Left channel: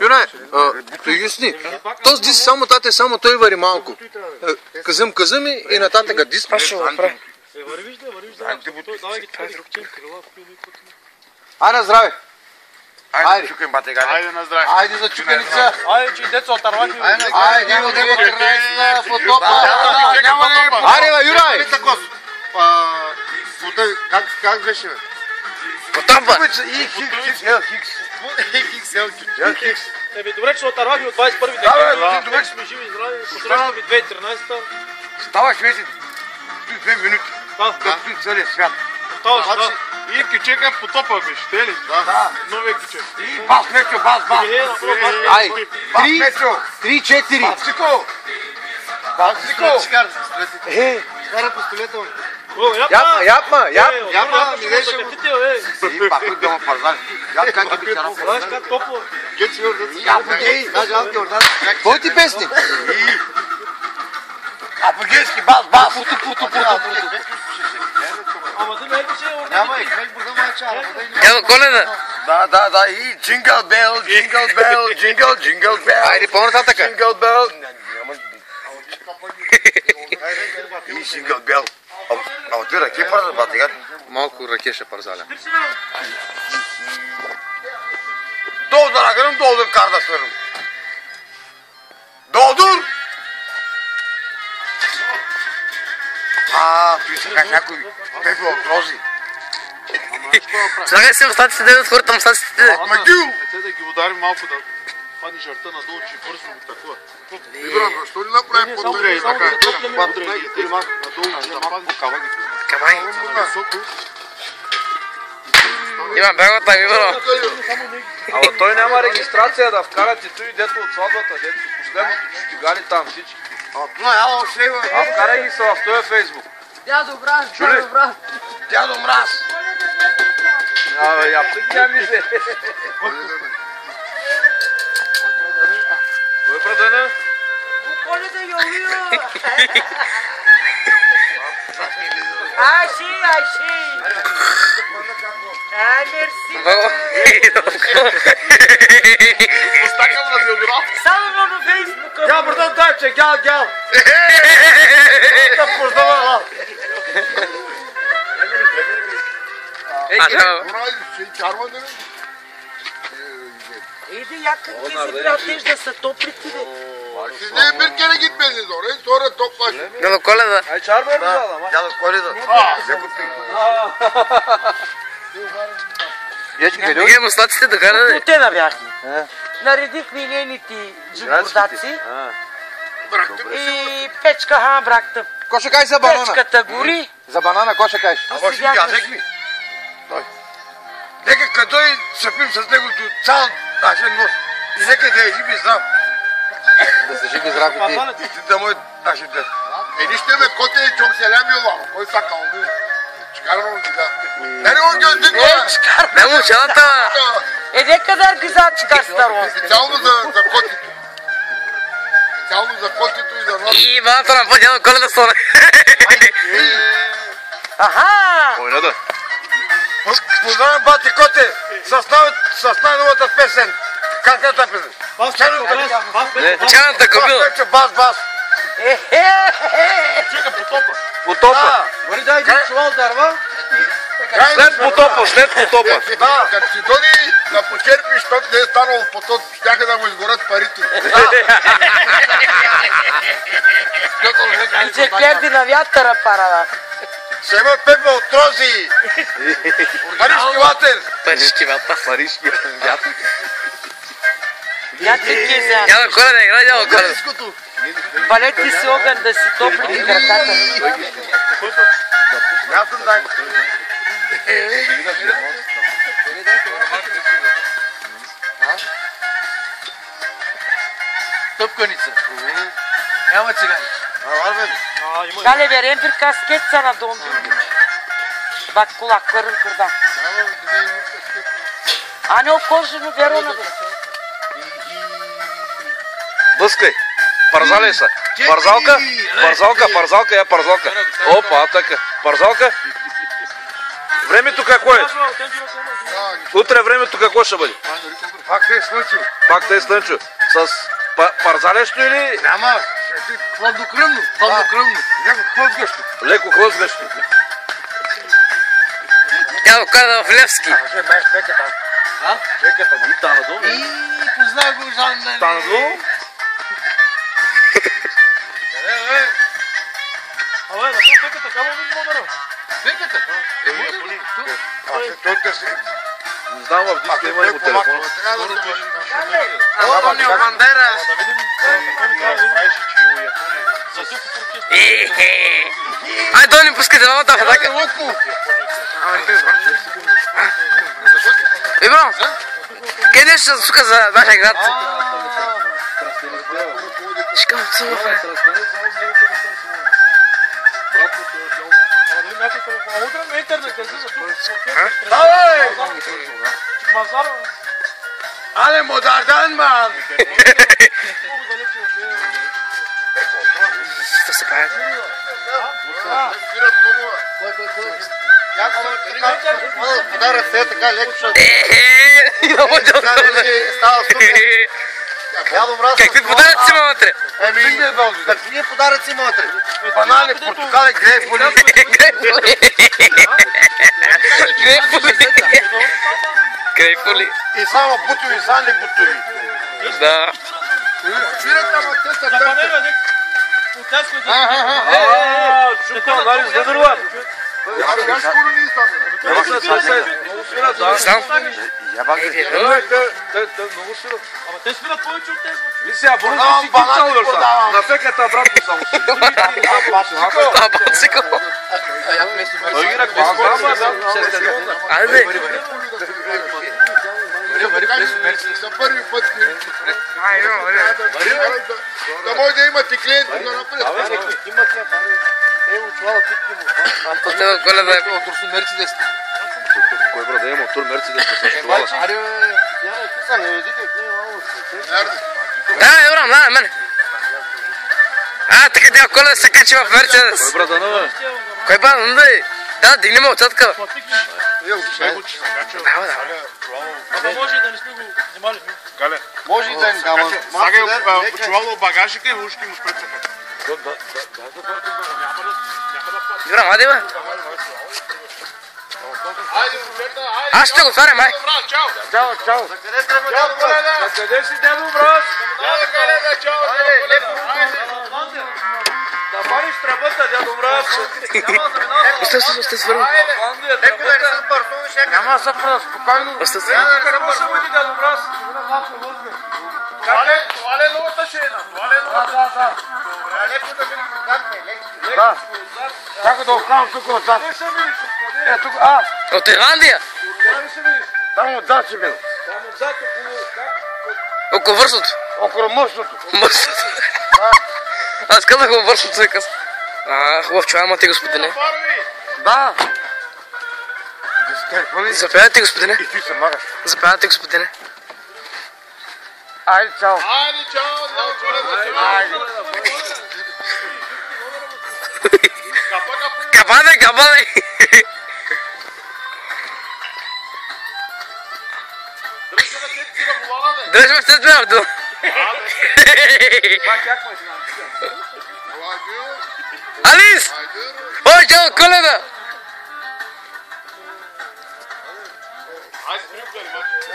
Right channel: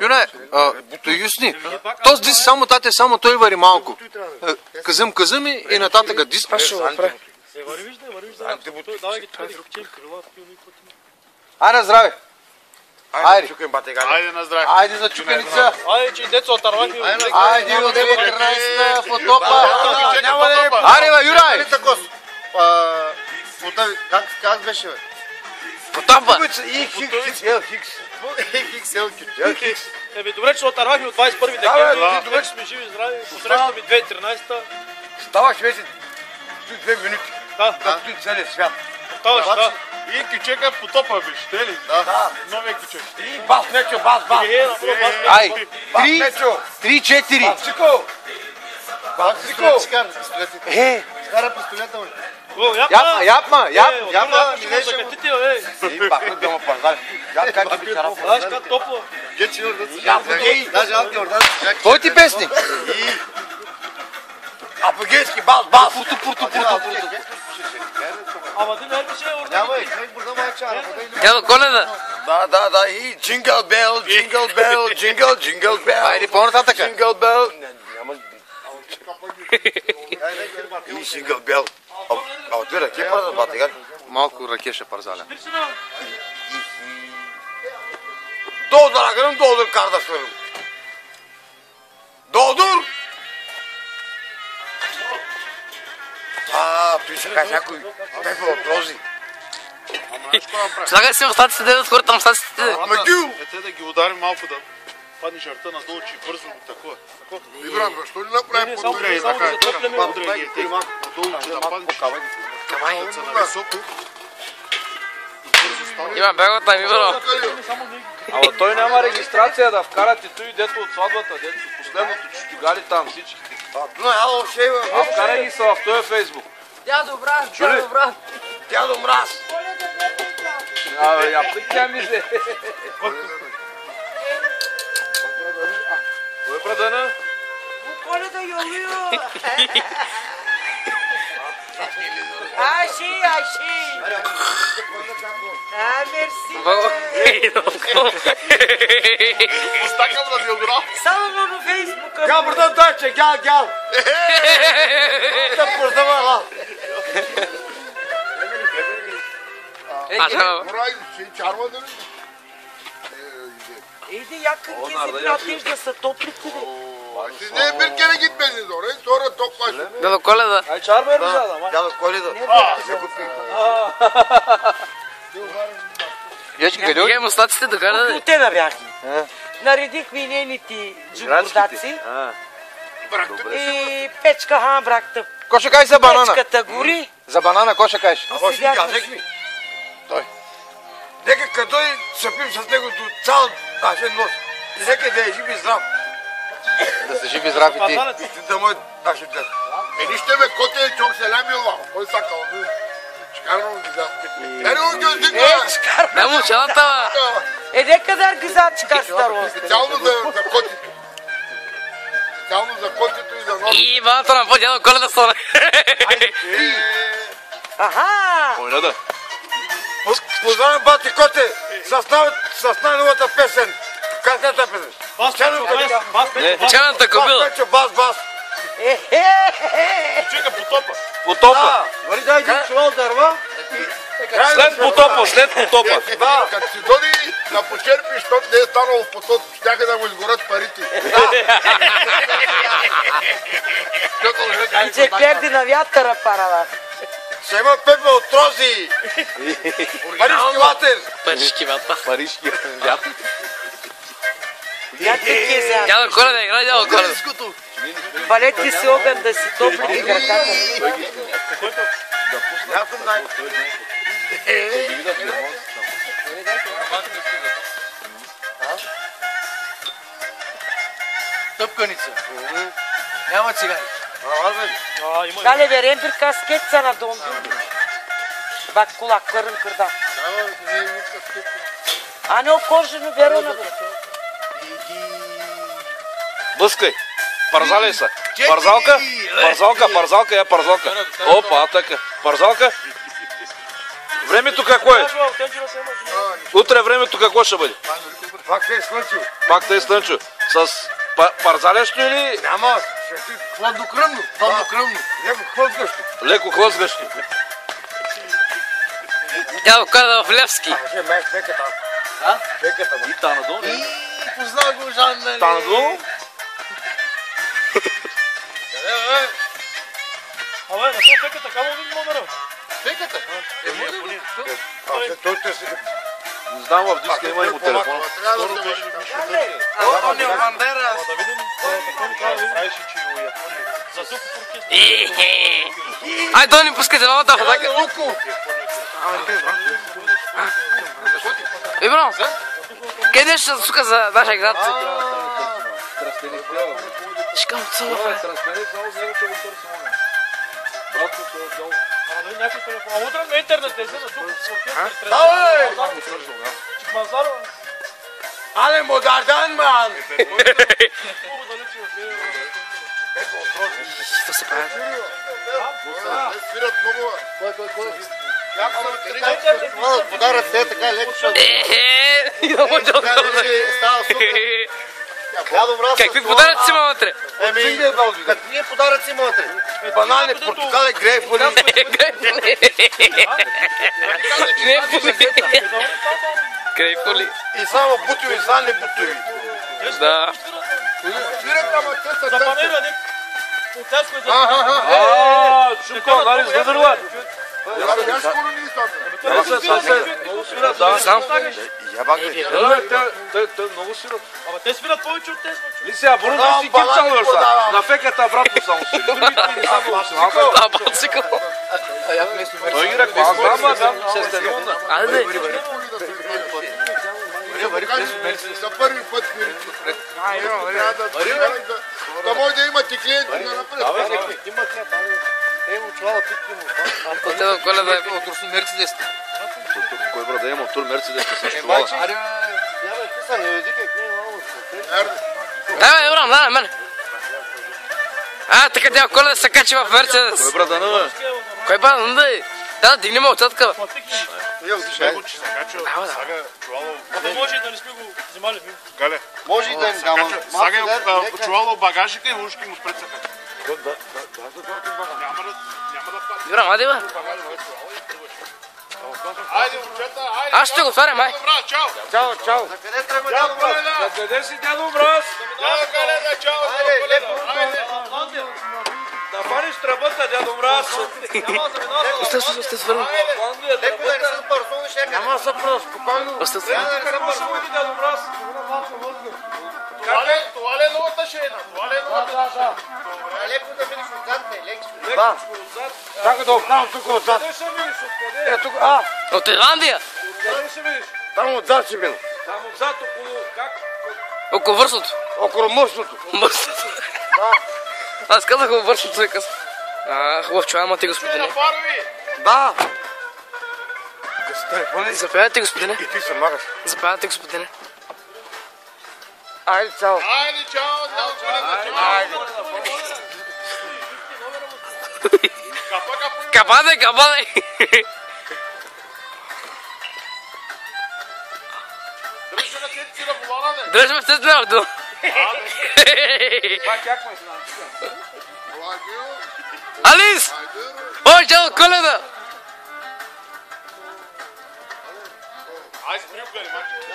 Юнай, юсни, този дис само тате, само той вари малко. Казъм и нататък дис. Аз ще го направя. Айде на здраве. Айде на здраве. Айде за чуканица. Айде, че деца отървахме. Айде от 13-та в потопа. Айде, бе, Юрай. Как беше, бе? Потопа. Хикс. Еми, добре, че отървахме от 21 декември. Добре, че сме живи и здрави. Посрещаме 2013-та. Ставаш вече 2 минути. Да. Както и целият свят. Ставаш, да. И кичека потопа беше, те ли? Да. Новия кичек. И бас, Мечо, бас. Ай, Бас, Мечо. 3-4. Басико. Басико. Скара пистолета, бе. Япма. И пак да ме пазар. Как ги бичара? Знаеш как топло? Апогей. Кой ти песни? Апогейски бас. Пурто. Ама да не че Няма и книг бурда майчара. Ела, Коледа. Да. И джингъл бел. Джингъл бел. Айде, по-нататъка. Джингъл бел. И джингъл бел. А ти ръке пърда, батига? Малко ръке ще парзаля. Долdur akırım, doldur kardeşlerim. Doldur! Той се каже някой пепе от рози. Слагай се в статите, да отхвърля там статите. Магил! Те да ги ударим малко да падне жарта надолу, че бързо такова. Ибрам, защо не направим по-добре и така? Надолу, че да падне. Камай. Иван, бягай от там, Ибро. Ама той няма регистрация да вкарате той дето от сватбата, дето последното чутигали там всичките. А вкарай ги са в този фейсбук. Дядо брат, Чули? Дядо мраз! Абе, я тя мизе. Кой е прадена? Коледа йолио. Айши. Мерси. Остакам на биограф! Само на Фейсбука. Гел buradan daha çek, gel. Burada var lan. Бурай, ще чарва да не... Иди, якак ти се трябва да се топлите. Size bir kere gitmediniz oraya, sonra toplaşın. Дядо Коледа. Ай, чарма е ризала, ма. Дядо Коледа. Закупи. Вие му статите да карате. Те набяхме. Наредихме и нейните джунгурдаци. И печка хамбракта. Ко ще кажеш за банана? Печката гори. За банана, ко ще кажеш? Ама ще ядек ми. Нека като и съпим с него до цял нашия нос. И нека да е жив и здрав. Да се живи здрав и ти. И ти да мой нашия ден. Enişte ve koteye çok selam yolla. O sakalını çıkarmam güzel. Nereye o gözlük var? Не му чалата. Нека да аргизачка старо. Специално за котито. Специално за котито и за нос. И вата на подява Коледа стане. Аха! Ойна да. Познавам бати коте с най-новата песен. Как е тази песен? Чаната кобила. Бас. Чека потопа. Потопа. Вари дай един чувал дърва. След потопа. Да, като си доди да почерпиш, защото не е станало в потоп, щяха да му изгорят парите. И че клерди на вятъра парава. Ще има пепе от рози. Парижки ватер. Парижки вятър. Някакви кеза. Дядо Коледа, играй дядо Коледа. Валете си огън да си топли краката. Аз съм дай. Тъпканица. Няма цигани. Дали верем bir kasket sana dondu. Bak kulakların kırda. Hani o korşunu ver ona. Бъскай. Парзаляй са. Парзалка, я парзалка. Опа, така. Парзалка. Времето какво е? Утре времето какво ще бъде? Пак те е слънчево. Пак те е слънчево. С парзалещо или? Няма, хладнокръвно. Леко хлъзгащо. Леко хлъзгащо. Тя каза в Левски. Беката. Беката. И та надолу. Познай го Жан. Та надолу. Абе, на това пеката, камо ви номера? Пеката? Не знам, в диска има ли му телефон. Антонио Бандерас. Да видим какво ни трябва да видим. За тук оркестър. Ай, Дони, пускай девалата в атака. Бро, къде ще сука за нашия град? Шкам цуфа. А утре на интернет е за тук оркестър. Мазар. Але модардан, ман! Що се прави? Свират много. Подарът се е така леко, защото става супер. Какви подаръци има вътре? Какви подаръци има вътре? Банани, портокали, грейпфрули. Грейпфрули. И само бутови, сани бутови. Да. Свират, ама те са търси. Чуко, анализ да дърва. Я скоро не изтаме. Много свират, да. Знам. Те много свират. Ама те свират повече от тези. И сега, бързо си кипчал, са. На феката обратно само си. А, бацикъл. Той ги ръква, аз знам, да, шестелюнда. Айде. За първи път свирите. Да може да имате клиенти на напред. Отива Коледа. Турсу Мерцедес. Кой брат да има тур Мерцедес с фестивала? Да, Еврам, да, мене. А, така тя Коледа се качи в Мерцедес. Кой брат да не? Кой брат, не да е? Да, дигни ме отсадка. Може и да не сме го взимали. Може и да не няма. Сага почувало багажика и ушки му спрецаха. Еврам, айде бе. Аз ще го отварям, ай. Чао. Къде си, дядо брат? Да париш тръбата, дядо брат. Сте свърли. Няма съпра, спокойно. Сте свърли. Какво ще бъде, дядо брат? Това ли е новата шена? Да. Чакай да оправям тук отзад. Е, тук, От Ирландия. там отзад си бил. Там отзад около как? Около вършото. Около мърсното. Мършото. Аз казах около вършото, и къс. Хубав чувал, ама ти, господине. Да. Заповядайте, господине. И ти се магаш. Заповядайте, господине. Айде, чао. Айде, чао! Кападе, кападе. Дръж ме в тези мярдо. Алис! Ой, чао, Коледа! Айде, приукали, мачо.